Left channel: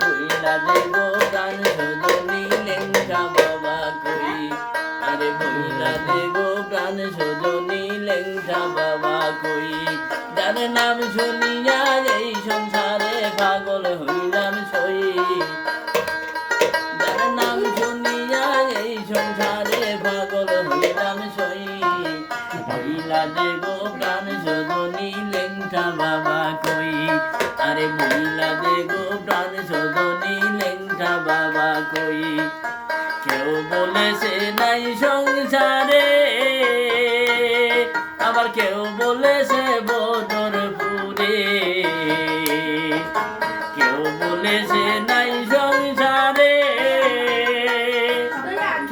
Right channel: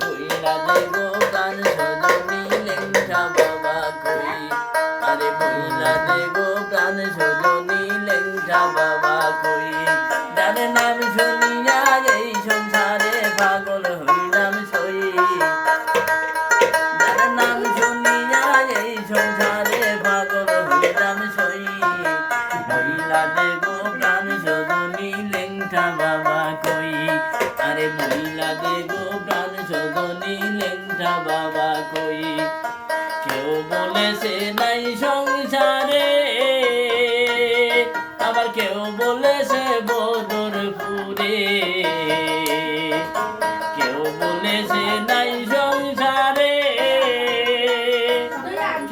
বইলা দে গো প্রাণ সজনী লেংটা বাবা কই আরে বইলা দে গো প্রাণ সজনী লেংটা বাবা কই যার নাম শুনিয়া এই সংসারে পাগল হইলাম সই যার নাম শুনিয়া এই সংসারে পাগল হইলাম সই বইলা দে গো প্রাণ সজনী লেংটা বাবা কই আরে বইলা দে গো প্রাণ সজনী লেংটা বাবা কই কেউ বলেছে নাই সংসারে আবার কেউ বলেছে বদরপুরে কেউ বলেছে নাই সংসারে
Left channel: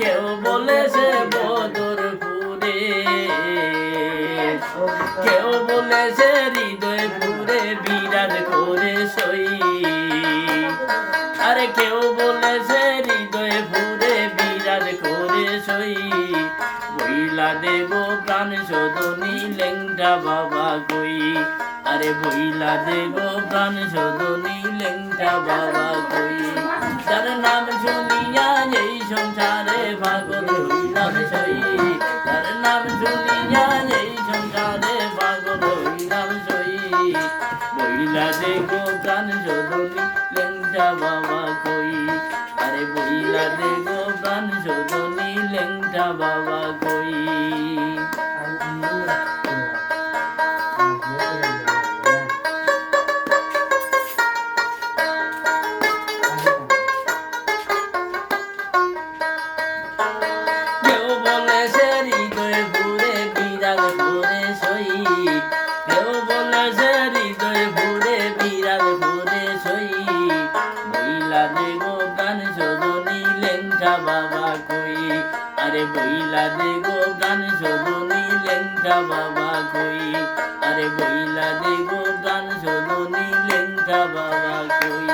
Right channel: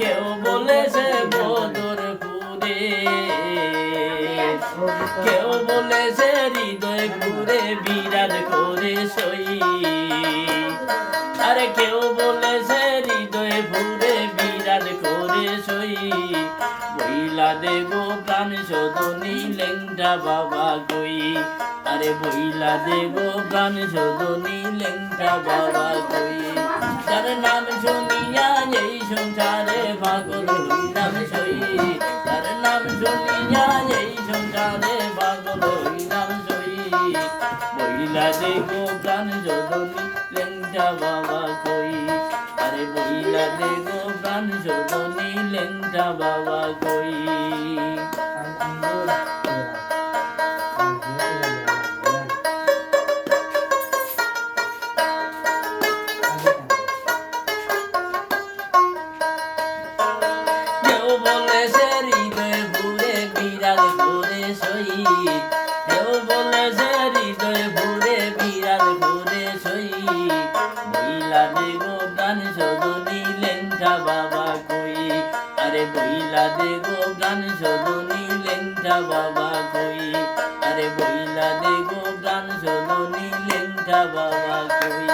কেউ বলেছে বদরপুরে কেউ বলেছে হৃদয়পুরে বিরাজ করে সই আরে কেউ বলেছে হৃদয়পুরে বিরাজ করে সই বইলা দে গো প্রাণ সজনী লেংটা বাবা কই আরে বইলা দে গো প্রাণ সজনী লেংটা বাবা কই যার নাম শুনিয়া এই সংসারে পাগল হইলাম সই যার নাম শুনিয়া এই সংসারে পাগল হইলাম সই বইলা দে গো প্রাণ সজনী লেংটা বাবা কই আরে বইলা দে গো প্রাণ সজনী লেংটা বাবা কই কেউ বলেছে হৃদয় ভুরে বিরাজ করে সই কেউ বলেছে হৃদয় ভুরে বিরাজ করে সই বইলা দে গো প্রাণ সজনী লেংটা বাবা কই আরে বইলা দে গো প্রাণ সজনী লেংটা বাবা কই আরে বইলা দে গো প্রাণ সজনী লেংটা বাবা কই